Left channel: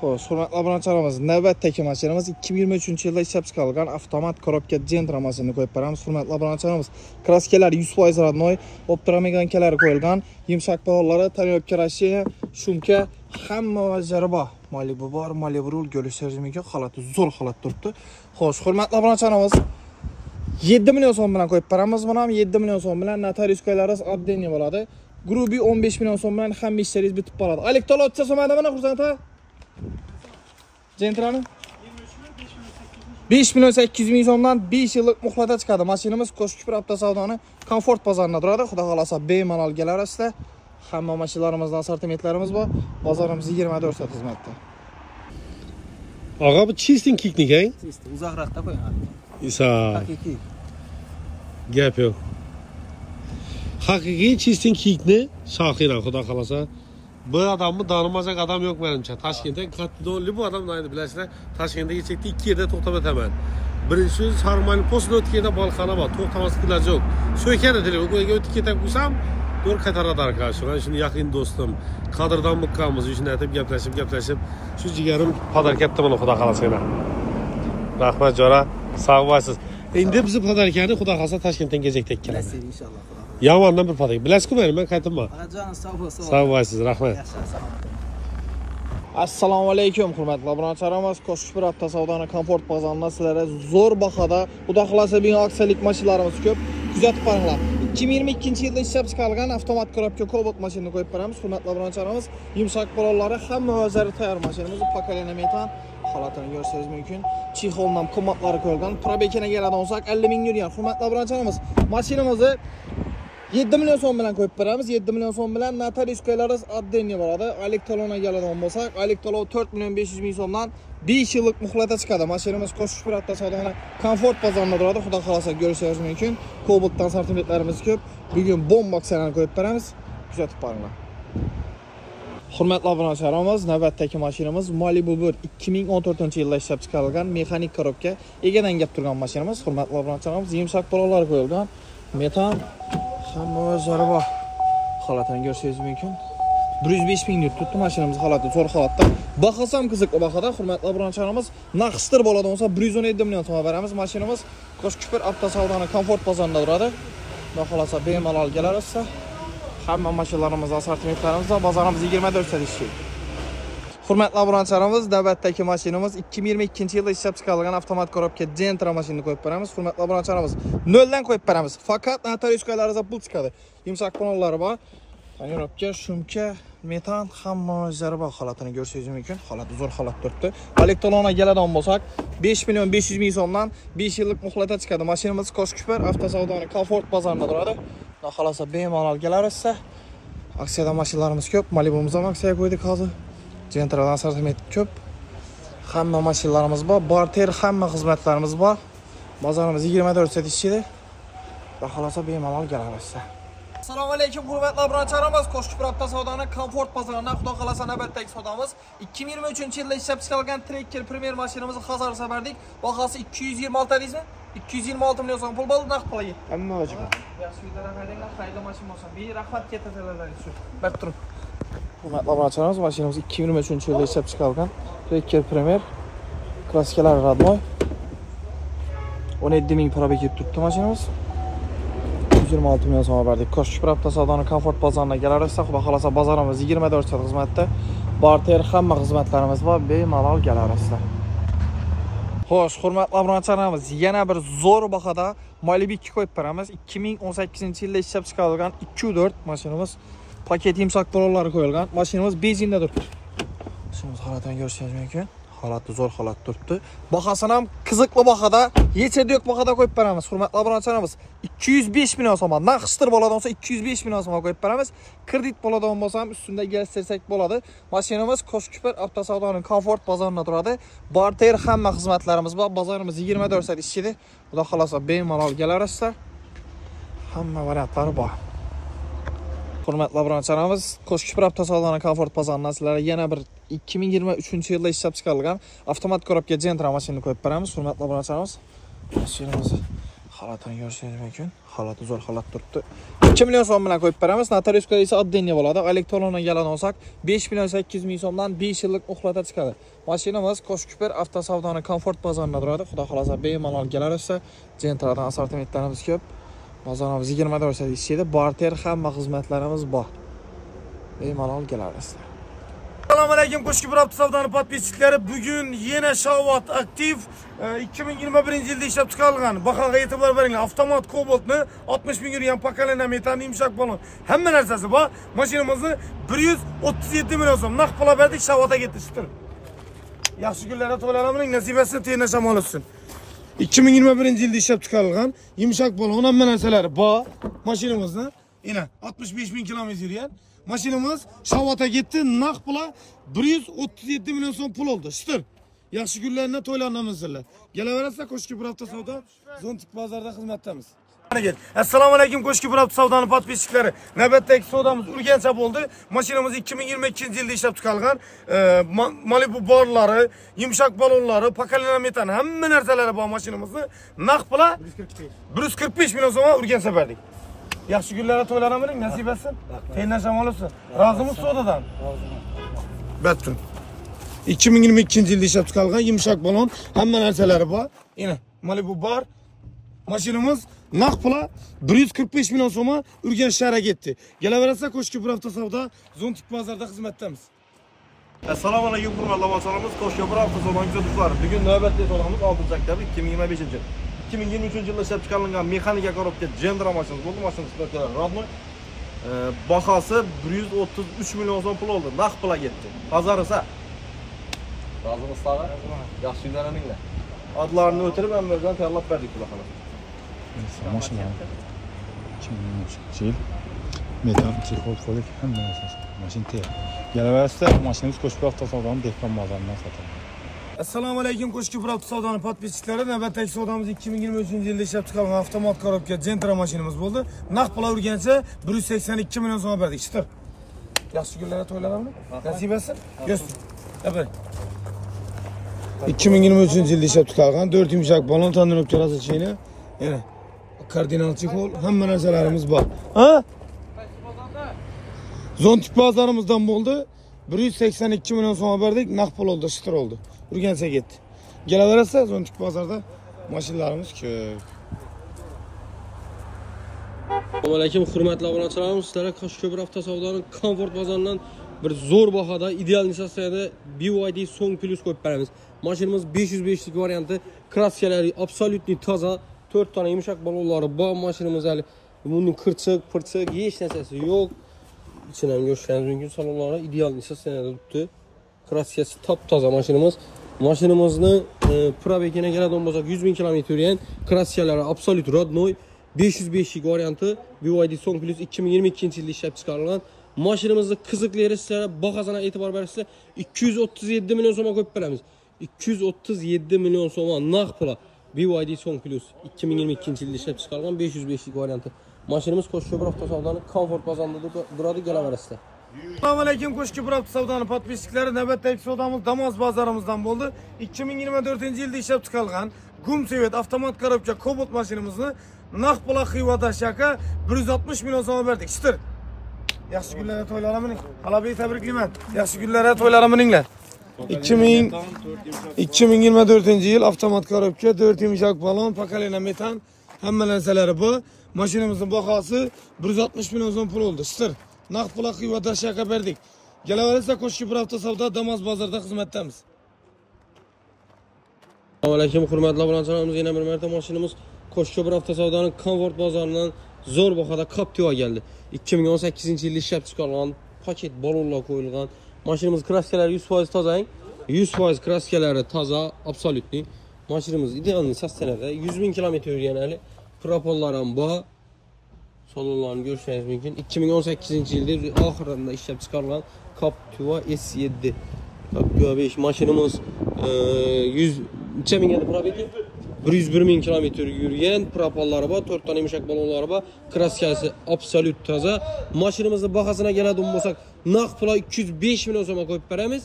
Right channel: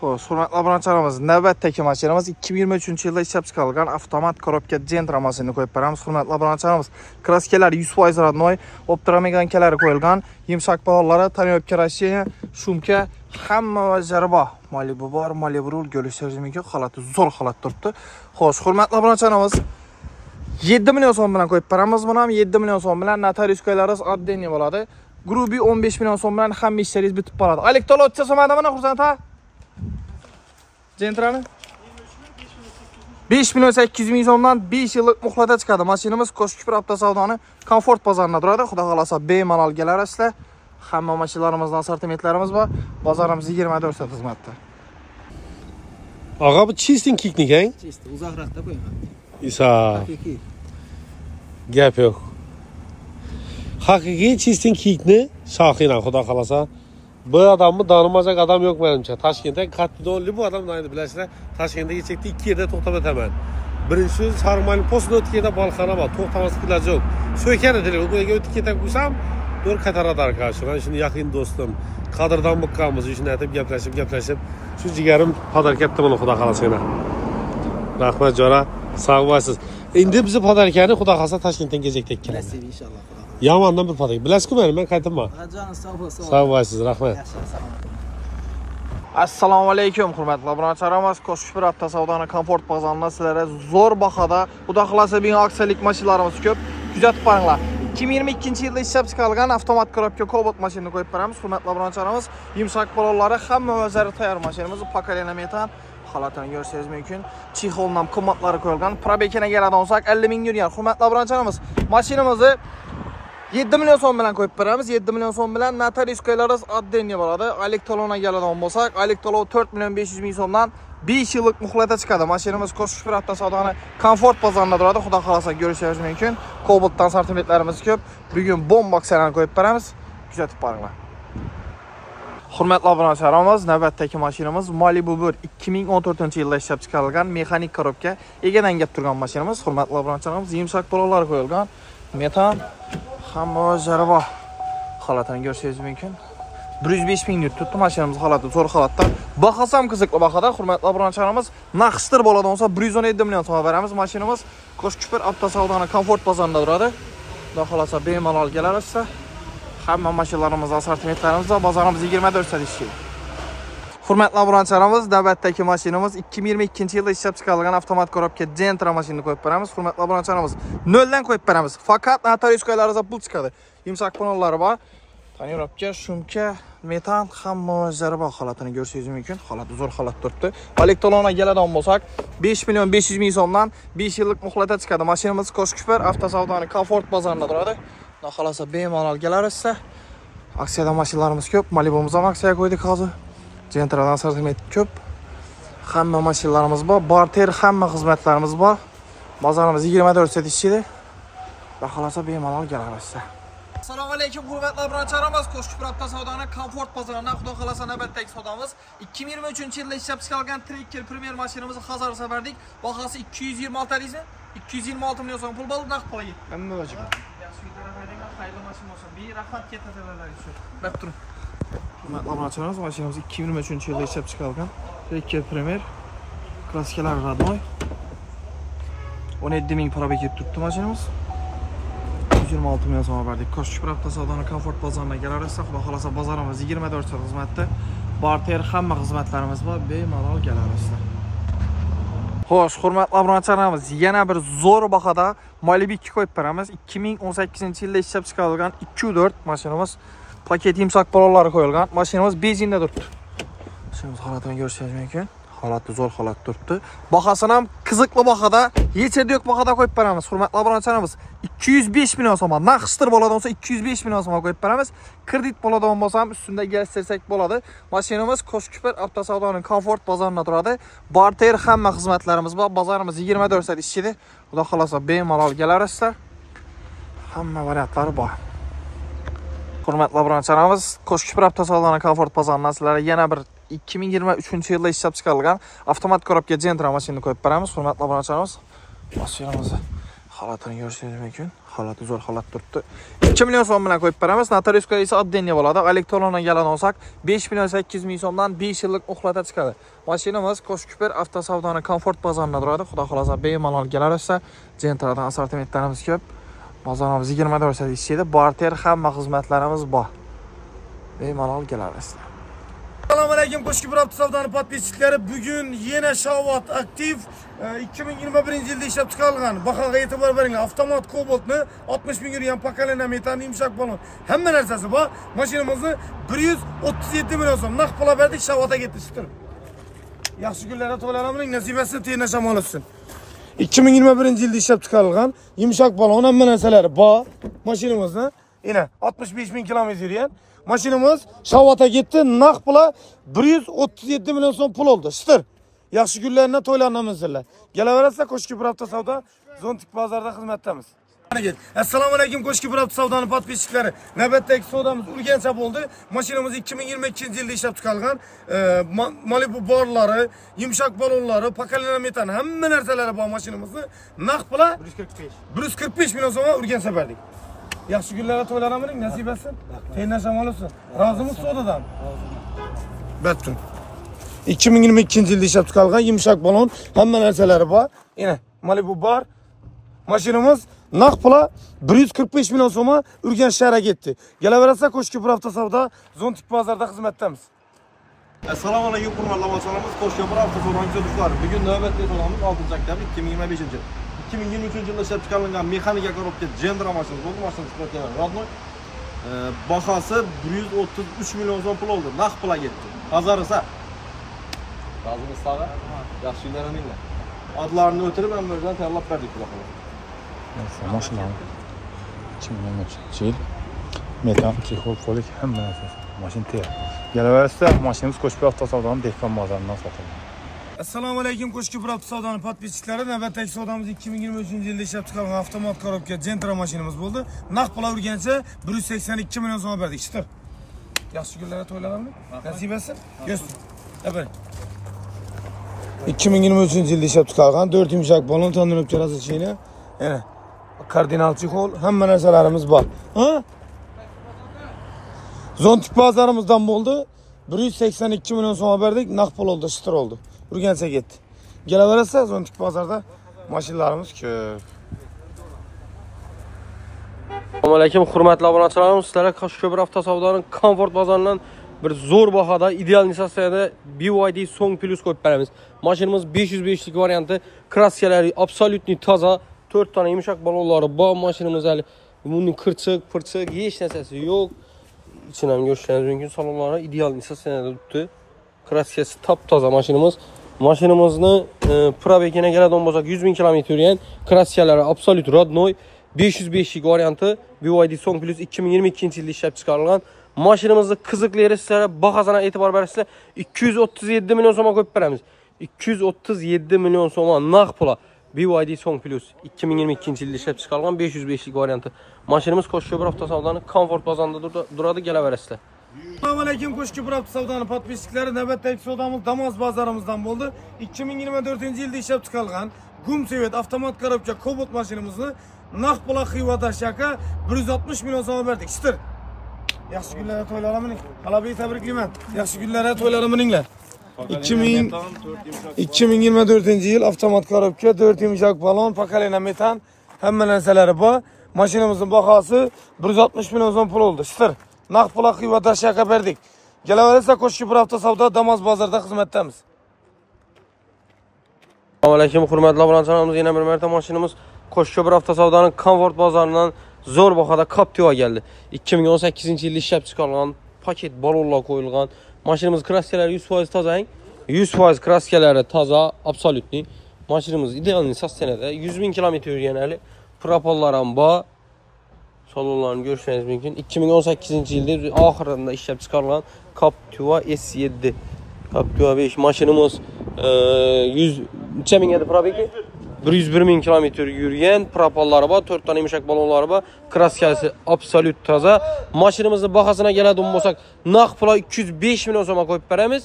Xo'sh, hurmatli obunachilarimiz, navbatdagi mashinamiz 2023-yilda ishlab chiqarilgan avtomat korobka Gentra mashinani qo'yib beramiz. Hurmatli obunachilarimiz, kraskalari 100% rodnoy, optomekankalari qo'yilgan, yumshoq balollari, tonirovka rasheniya, shumka, hamma o'zlari bor. Malibu bor, Malibu rul ko'rishingiz holati zo'r holat turibdi. Xo'sh, hurmatli obunachilarimiz, 7 million so'm bilan qo'yib beramiz. Buni ham 7 million so'm bilan notariuskalarimiz oddenniy bo'ladi. Grubi 15 million so'm bilan hamma ishlaringiz bitib qoladi. Elektron o'tcha so'madimi, Xursand aka? Gentrani 5 million 800 ming so'mdan 5 yillik muhlata chiqadi. Mashinamiz Qo'shkipir avtosavdoni komfort bozorida turadi. Xudo xolasa bemalol kelarasizlar. Hamma mashinalarimizning assortimentlarimiz bor. Bozorimiz 24 soat xizmatda. Og'a bu chisting kiknik, ha? Chisting, uzoqroqda qo'ying. Isa. Haqiqiy. Gap yo'q. Haqiqiy chisting kikni shoxina, xudo xolasa. Bu adamni tanimajak adam yo'q menimcha. Toshkentda qattiqdo'nli bu odam naydi bilasizlar. Toshkentda kechakda 2 yerda to'xtab o'taman. Birinchi Sarmali postni o'tib ketib bolxona bor, to'xtamaslik iloji yo'q. So'kani telefon qo'yga o'tib ketib qo'ysam, to'g'ri qaytaradi arkadaşlar. Men shuni yaqin do'stim, qadrdan buqqanmiz, shuni aytib gaplashib, shu jigarim podarkatda buni xudo xolasa. Rahmat jo'ra, sog' bo'lasiz. Endi biz podarkani xudo xolasa Toshkentdan kechakda kelamiz. Inshaalloh. Yamandan bir podarka. Bilasizku men qaytaman. Ajon sog' bo'lsin. Sog' bo'lasiz, rahmat. Assalomu alaykum, hurmatli obunachilarimiz. Qo'shkipir avtosavdoni komfort bozorida sizlarga zo'r bahada, xudo xolasa bino aksiyalik mashinalarimiz ko'p. Kuzatib qo'ringlar. 2022-yilda ishlab chiqarilgan avtomat korobka Cobalt mashinani qo'yib beramiz. Hurmatli obunachilarimiz, yumshoq balollari hamma o'zlari tayyor mashinamiz. Pokoleniya metan holatini ko'rishingiz mumkin. Chexoldan qimmatlari qo'yilgan. Probekina keladigan bo'lsak 50 ming yurgan. Hurmatli obunachilarimiz, mashinamizni 7 million so'm bilan qo'yib beramiz. 7 million so'm bilan notariuskalarimiz oddenniy bo'ladi. Elektron keladigan bo'lsak, elektron 4 million 500 ming so'mdan 5 yillik muhlata chiqadi. Mashinamiz Qo'shkipir avtosavdoni komfort bozorida turadi. Xudo xolasa ko'rishingiz mumkin. Cobaltdan sortimentlarimiz ko'p. Bugun bomba aksiyalarni qo'yib beramiz. Kuzatib boringlar. Hurmatli obunachilarimiz, navbatdagi mashinamiz Malibu 2014-yilda ishlab chiqarilgan mexanik korobka egadan gap turgan mashinamiz. Hurmatli obunachilarimiz, yumshoq balolar qo'yilgan. Metan hamma o'zlari bor. Holatini ko'rishingiz mumkin. 105 ming yurt tutdi mashinamiz holati zo'r holatda. Bahasi ham qiziqli bahada. Hurmatli obunachilarimiz, naqshtir bo'ladigan bo'lsa 117 million so'm beramiz. Mashinamiz Qo'shkipir avtosavdoni komfort bozorida turadi. Xudo xolasa bemalol kelarasiz. Hamma mashinalarimizning assortimentlarimiz va bozorimiz 24 soat ishlaydi. Hurmatli obunachilarimiz, navbatdagi mashinamiz 2022-yilda ishlab chiqarilgan avtomat korobka Gentra mashinani qo'yib beramiz. Hurmatli obunachilarimiz, noldan qo'yib beramiz. Faqat notariuskalarga pul chiqadi. Yumshoq panellari bor. Tonirovka, shumka, metan hamma o'zlari bor. Holatini ko'rishingiz mumkin. Holati zo'r holat turibdi. Elektronga keladigan bo'lsak, 5 million 500 ming so'mdan 5 yillik muhlata chiqadi. Mashinamiz Qo'shkipir avtosavdoni komfort bozorida turadi. Xudo xolasa bemalol kelarasiz. Aksiyada mashinlarimiz ko'p. Malibumiz ham aksiyaga qo'ydik hozir. Gentradan sortiment ko'p. Hamma mashinlarimiz bor. Barter hamma xizmatlarimiz bor. Bozorimiz 24 soat ishlaydi. Xudo xolasa bemalol kelarasiz. Assalomu alaykum, hurmatli obunachilarimiz. Qo'shkipir avtosavdoni komfort bozorida xudo xolasa navbatdagi savdomiz 2023-yilda ishlab chiqarilgan Tracker Premier mashinamizni xazar sabardik. Bahasi 226 deysiz. 226 million so'm pul bo'ldi, naqd pulga. Hamma o'zi. Yaxshi bitarafaydan xayrli mashina bo'lsin. Rahmat ketadilar uchun. Bak turib. Hurmatli obunachilarimiz, mashinamiz 2023-yilda ishlab chiqarilgan Tracker Premier klassikalar radnoy. 17 ming probek tutdi mashinamiz. 26 million so'm berdik. Qo'shkipir avtosavdoni komfort bozorida kelarasiz. Xudo xolasa bozorimiz 24 soat xizmatda. Barter hamma xizmatlarimiz bor. Bemalol kelarasiz. Xo'sh, hurmatli obunachilarimiz, yana bir zo'r bahada Malibu 2 qo'yib beramiz. 2018-yilda ishlab chiqarilgan 2.4 mashinamiz. Paket yumshoq balollari qo'yilgan. Mashinamiz benzinda turibdi. Shuni holatini ko'rishingiz mumkin. Holati zo'r holat turibdi. Bahasini ham qiziqli bahada, yechada yo'q bahada qo'yib beramiz. Hurmatli obunachilarimiz, 205 million so'm. Naqshtir bo'ladigan bo'lsa 205 million so'm qo'yib beramiz. Kredit bo'ladigan bo'lsa ham ustunda keltirsak bo'ladi. Mashinamiz Qo'shkipir avtosavdoni komfort bozorida turadi. Barter hamma xizmatlarimiz bor. Bozorimiz 24 soat ishlaydi. Xudo xolasa bemalol kelarasiz. Hamma variantlari bor. Hurmatli obunachilarimiz, Qo'shkipir avtosavdoni komfort bozorida sizlarga yana bir 2023-yilda ishlab chiqarilgan avtomat korobka Gentra mashinani qo'yib beramiz. Hurmatli obunachilarimiz, mashinamiz Xalatini ko'rishingiz mumkin. Xalati zo'r xalat turibdi. 2 million so'm bilan qo'yib beramiz. Notariuska esa oddenniy bo'ladi. Elektrondan yalan olsak 5 million 800 ming so'mdan 5 yillik uxlata chiqadi. Mashinamiz Qo'shkuper avtosavdoning komfort bozorida turadi. Xudo xolasa bemalol kelarsa, Gentradan assortimentlarimiz ko'p. Bozorimiz 20 do'rsa ishlaydi. Barter hamma xizmatlarimiz bor. Bemalol kelamiz. Assalomu alaykum Qo'shkuper avtosavdoning podpischiklari. Bugun yana Shavot aktiv 2021-yilda ishlab chiqarilgan. Bahoga e'tibor beringlar. Avtomat Cobaltni 60 ming yurgan pakalena metan yumshoq balon. Hamma narsasi bor. Mashinamizni 137 million so'm naqd pul berdik, Shavotga ketdi. Yaxshi kunlarda to'ylarimining nasibasi tena shamol olsin. 2021-yilda ishlab chiqarilgan yumshoq balon hamma narsalari bor. Mashinamizni yana 65 ming kilometr yurgan. Mashinamiz Shavotga ketdi, naqd pul 137 million so'm pul oldi. Shitir. Yaxshi kunlarda to'ylarimizni. Kelaverasizlar Qo'shkuper avtosavdo Zontik bozorida xizmatdamiz. Assalomu alaykum Qo'shkuper avtosavdoning podpischiklari. Navbatdagi savdomiz Urgancha bo'ldi. Mashinamiz 2022-yilda ishlab chiqarilgan. Malibu borlari, yumshoq balonlari, pakalena metan hamma narsalari bor mashinamizni. Naqd pul 145 million so'm Urgancha berdik. Yaxshi kunlarda to'ylarimining nasibasi tena shamol olsin. Rozimiz savdodan? Batun. 2022-yilda ishlab chiqarilgan yumshoq balon hamma narsalari bor. Yana Malibu bor. Mashinamiz naqd pul 145 million so'm Urganch shahriga ketdi. Kelaverasizlar Qo'shkuper avtosavdo Zontik bozorida xizmatdamiz. Assalomu alaykum hurmatli avtomobilchilarimiz. Qo'shkuper avtosavdoning kuzatuvchilari. Bugun navbatdagi savdomiz 6-oktyabr 2025-yil. 2023-yilda ishlab chiqarilgan mexanika korobka Gentra mashinasi bo'ldi. Mashinamiz qilgan rodnoy. Bahosi 133 million so'm pul oldi. Naqd pulga ketdi. Hazar esa razimiz tag'i. Yaxshi kunlaringlar. Adlarni o'tirib ham o'zdan tayyorlab berdik bular. Mashina. Chil. Metan, chexol, folik hamma narsasi. Mashina tayyor. Kelaverasizlar, mashinamiz Qo'shkuper avtosavdoning dehqon bozoridan sotiladi. Assalomu alaykum Qo'shkuper avtosavdoning podpischiklari. Navbatdagi savdomiz 2023-yilda ishlab chiqarilgan avtomat korobka Gentra mashinamiz bo'ldi. Naqd pul Urgancha 182 million so'm berdik. Shitir. Yaxshi kunlarda to'ylarimiz nasibasi. Go'stin. Abay. 2023-yilda ishlab chiqarilgan 4 yumshoq balon tandirib rasachini. Yana kardinal chexol hamma narsalarimiz bor. Ha? Zontik bozorimizdan bo'ldi. 182 million so'm berdik, naqd pul oldi, shitir oldi. Urgancha ketdi. Kelaverasizlar Zontik bozorida mashinalarimiz ko'p. Assalomu alaykum hurmatli obunachilarimiz. Sizlarga Qo'shkuper avtosavdoning komfort bozoridan bir zo'r bahoda ideal nisasiyada BYD Song Plus qo'yib beramiz. Mashinamiz 505 lik varianti, kraskalari absolutni toza, 4 tona yumshoq balonlari bor. Mashinamiz hali bunning qirchiq, hech narsasi yo'q. İçinden görseniz mümkün salonlara ideal nisasiyada turibdi. Kraskasi top toza mashinamiz. Mashinamizni probegine keladigan bo'lsak 100 ming kilometr yurgan, kraskalari absolut rodnoy, 505 lik varianti, BYD Song Plus 2022-yilda ishlab chiqarilgan. Mashinamizni qiziqlari sizlarga bahosini e'tibor bersizlar 237 million so'mga qo'yib beramiz. 237 million so'mga naqd pul BYD Song Plus 2022-yilda ishlab chiqarilgan 505 lik varianti. Mashinamiz Qo'shkuper avtosavdoning komfort bozorida turadi, kelaverasizlar. Assalomu alaykum Qo'shkuper avtosavdoning podpischiklari. Navbatdagi savdomiz Damas bozorimizdan bo'ldi. 2024-yilda ishlab chiqarilgan Gumsevet avtomat korobka Cobalt mashinamizni naqd pul Xiva shaka 160 million so'm berdik. Shitir. Yaxshi kunlarda to'ylarimiz. Qalbiy tabriklayman. Yaxshi kunlarda to'ylarimizlar. 2024-yil avtomat korobka 4 yumshoq balon, pakalena metan hamma narsalari bor. Mashinamizning bahosi 160 million so'm pul oldi. Shitir. Naqd pul Xiva shaka berdik. Kelaverasizlar Qo'shkuper avtosavdo Damas bozorida xizmatdamiz. Assalomu alaykum hurmatli obunachilarimiz. Yana bir marta mashinamiz Qo'shkuper avtosavdoning komfort bozoridan zo'r bahoda Captiva keldi. 2018-yilda ishlab chiqarilgan paket balonlar qo'yilgan. Mashinamiz kraskalari 100% toza, 100% kraskalari toza, absolutni. Mashinamiz ideal nisasiyada 100 ming kilometr yurgan hali. Propollar ham bor. Salonlarni ko'rishingiz mumkin. 2018-yilda oxirida ishlab chiqarilgan Captiva S7. Captiva 5 mashinamiz 100 necha ming edi probegi? 101 ming kilometr yurgan, propollari bor, 4 tona yumshoq balonlari bor, kraskasi absolut toza. Mashinamizning bahosini keladigan bo'lsak, naqd pul 205 million so'mga qo'yib beramiz.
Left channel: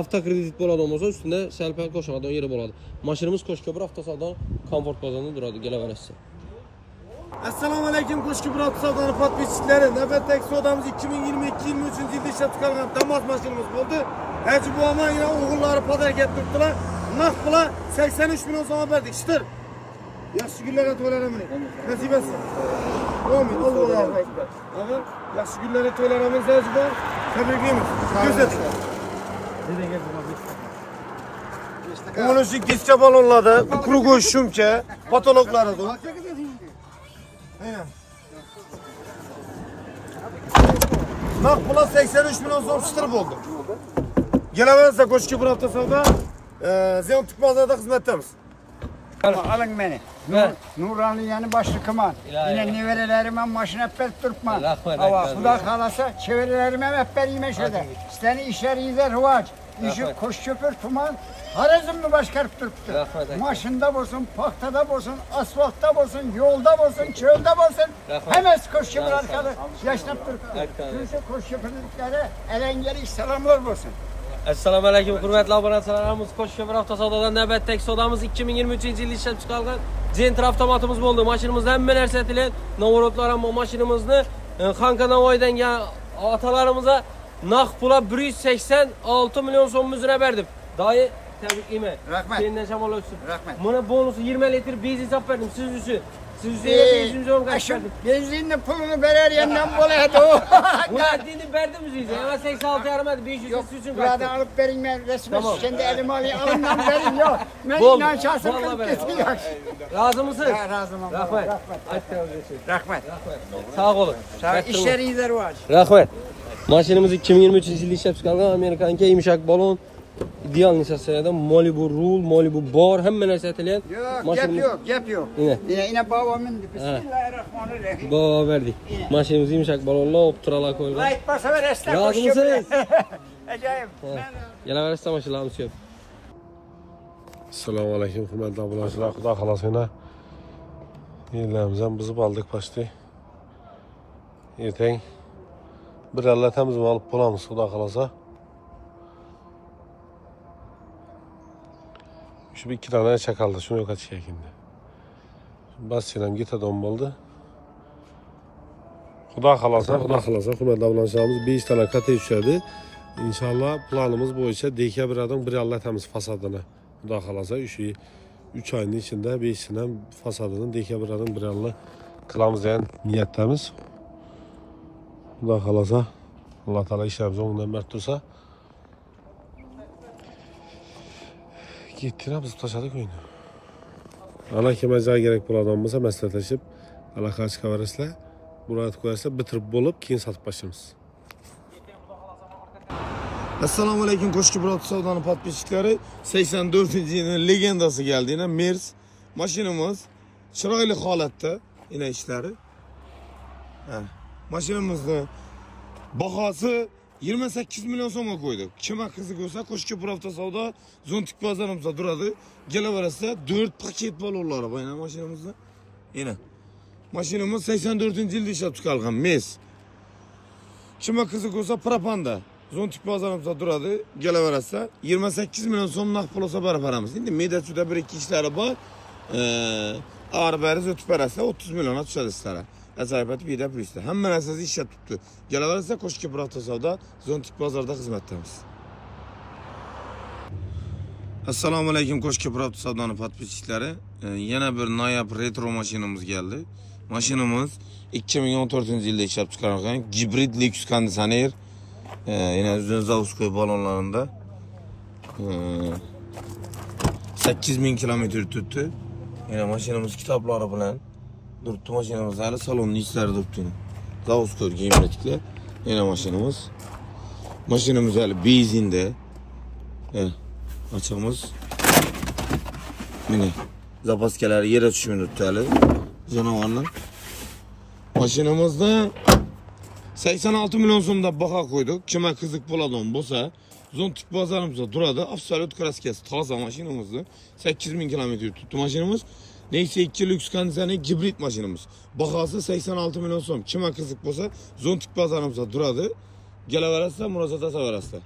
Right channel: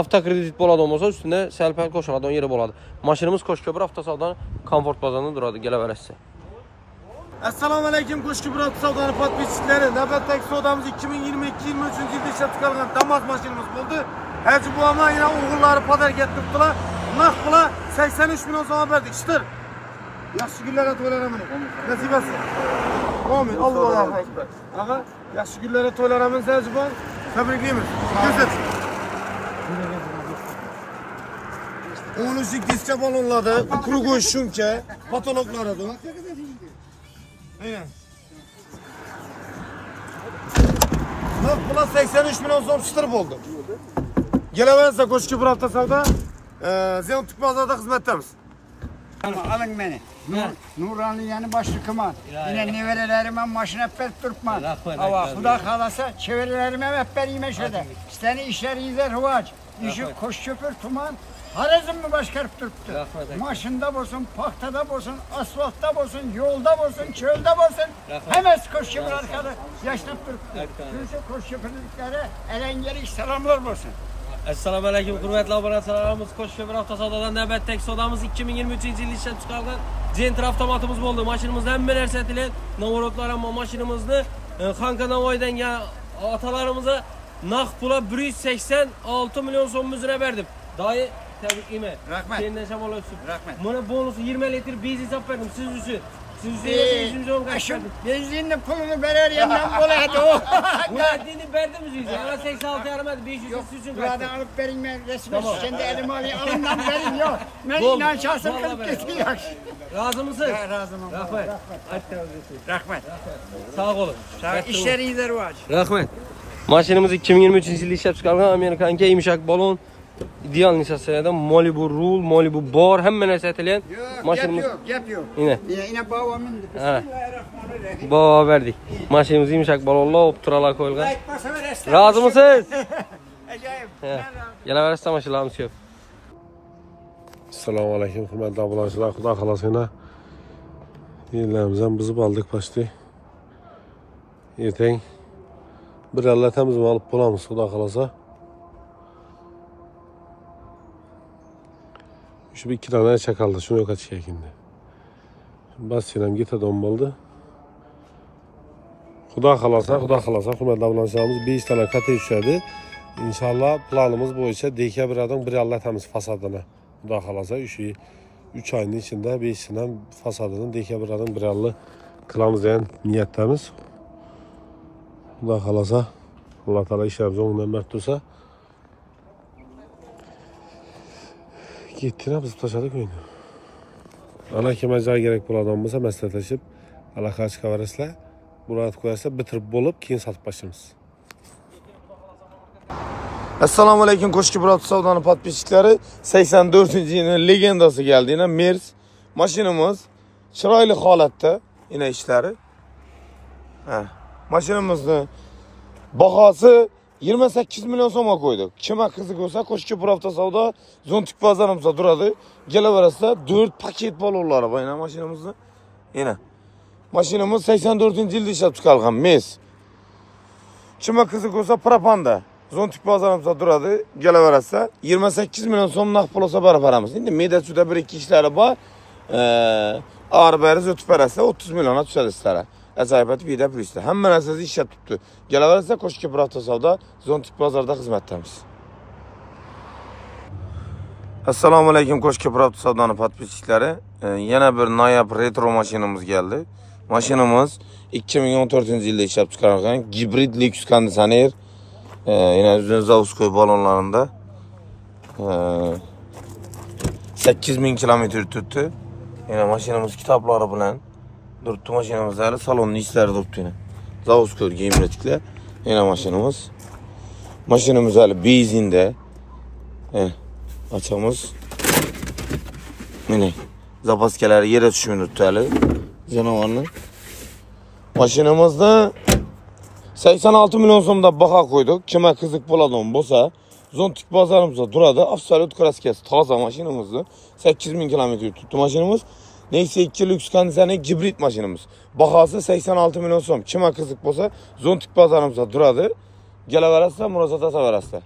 Avtokredit bo'ladigan bo'lsa, ustida sal-pal qo'shiladigan yeri bo'ladi. Mashinamiz Qo'shkuper avtosavdoning komfort bozorida turadi, kelaverasizlar. Assalomu alaykum Qo'shki Burat savdoni podpischiklari. Navbatdagi savdomiz 2022-23 yilda ishlab chiqarilgan Damas mashinamiz bo'ldi. Hajı bu ama yine oğulları pazarga turibdilar. Naq pula 83 milyon so'm berdik. Shitir. Yaxshi kunlarga to'ylaramiz. Nasib etsin. Amin. Allohu akbar. Aha, yaxshi kunlarga to'ylaramiz Hajı bu. Tabriklaymiz. Ko'rsat. Onun için kesçe balonladı, kuru göğüş şunke, patologları da. Naq pula 83 milyon so'm shitir bo'ldi. Gelemezse Qo'shki Burat savdo, Ziyon Tukmazada xizmatdamiz. Alın beni. Nuraniye'nin başlı kıman. Yine neverelerime maşına pek durtman. Ama Xuda kalasa çevrelerime hep berime şöyle. Seni işler iyiler huvaç. İşi koş köpür tuman. Harazım mı başkarıp duruptu. Maşında bolsun, paktada bolsun, asfaltta bolsun, yolda bolsun, çölde bolsun. Hemen koş köpür arkalı yaşlanıp duruptu. Kimse koş köpürlüklere elengeli selamlar bolsun. Assalomu alaykum hurmatli obunachilarimiz. Qo'shko'pir avtosodadan navbatdagi savdomiz 2023-yilda ishlab chiqarilgan Gentra avtomatimiz bo'ldi. Mashinamizda hamma narsa aytilgan. Novorotlar ham mashinamizni Xanka Navoiydan otalarimizga naq pula 186 milyon so'mimizni berdim. Doyi tabriklayman. Rahmat. Sendan shamol o'tsin. Rahmat. Buni bonusu 20 litr benzin olib berdim siz uchun. Siz uchun 500 so'm qaçırdım. Benzinli pulunu verer yandan boladı o. Buladini verdim size. Ama 86 yaramadı 500 Yok, siz için buradan kaçtım. alıp verin ben resmen kendi elime alayım. Alımdan verin yok. Ben inan şahsım kılıp getiriyor. Razı mısın? Ya razım. Rahmet. Rahmet. Sağ olun. Sağ ol. İşleri iyiler var. Rahmet. Maşinimiz 2023 yilda ishlab chiqarilgan Amerikanka yumshoq balon ideal nisasiyada Malibu rul, Malibu bar hamma narsa aytilgan. Yok, yap yok. Yine babamın Bismillahirrahmanirrahim. Baba verdik. Maşinimiz yumshoq balonlar opturalar qo'yilgan. Aytmasa ver esnaf. Razı mısınız? Acayip. Gelaverasizlar mashinamiz ko'p. Assalomu alaykum hurmatli obunachilar. Xudo xolasa yillarimiz ham buzib oldik pochta. Ertaga bir allatamiz olib qolamiz xudo xolasa. Şu bir iki tane çakaldı. Şuna kaç şekilde. Basçıram gitadon oldu. Xudo xolasa, hurmatli obunachilarimiz 5 tane kate tushadi. İnşallah planımız bo'yicha dekabr oyida bir allatamiz fasadini. Xudo xolasa 3 oyning ichida 5 tane fasadini dekabr oyida bir alla qilamiz degan niyatdamiz. Xudo xolasa, Alloh taolo ishlarimizni o'ngdan mard tursa. Ketdinglar biz tashladik meni. Mana kimga joy kerak bo'ladigan bo'lsa maslahatlashib, aloqa chiqaverasizlar. Murojaat qo'yasizlar, bitirib bo'lib, keyin sotib boshlaymiz. Assalomu alaykum Qo'shki Burat savdoni podpischiklari. 84-yilning legendasi geldi yine Mers. Mashinamiz chiroyli holatda yine ishlari. Mashinamizning bahosi 28 milyon so'mga qo'ydik. Kimga qiziq bo'lsa Qo'shki Burat savdo Zontik bozorimizda turadi. Kelaverasizlar 4 paket balonlari bor mashinamizda. Yine mashinamiz 84-yilda ishlab chiqarilgan Mers. Kimga qiziq bo'lsa propanda Zontik bozorimizda turadi. Kelaverasizlar 28 milyon so'm naqd pul olsa barabaramiz. Endi medasuda 1-2 ishlari bor. Arbariz o'tib berasa 30 milyona tushadi sizlarga. Ajoyibot vida plyusda. Hamma narsasi ishlab turibdi. Kelaverasizlar Qo'shki Burat savdo Zontik bozorida xizmatdamiz. Assalomu alaykum Qo'shki Burat savdoni podpischiklari. Yana bir noyob retro mashinamiz keldi. Mashinamiz 2014-yilda ishlab chiqarilgan gibrid Lexus konditsioner. Yine Zavskoy balonlarında 8000 kilometre tuttu. Yine maşinamız kitapları bilen durdu maşinamız hali salonun işleri durdu yine. Zavskoy giyimletikle yine maşinamız. Maşinamız hali benzinde. Açamız. Yine zapaskeleri yere düşmüyor hali. Canavarlı. Maşinamızda 86 milyon so'mda baho qo'ydik. Kimga qiziq bo'ladigan bo'lsa, Zontik bozorimizda turadi. Absolut kraskasi toza mashinamizni. 8000 kilometr tutdi mashinamiz. Nexia 2 Lux konditsioner gibrid mashinamiz. Bahosi 86 milyon so'm. Kimga qiziq bo'lsa, Zontik bozorimizda turadi. Kelaverasizlar, murojaat etaverasizlar.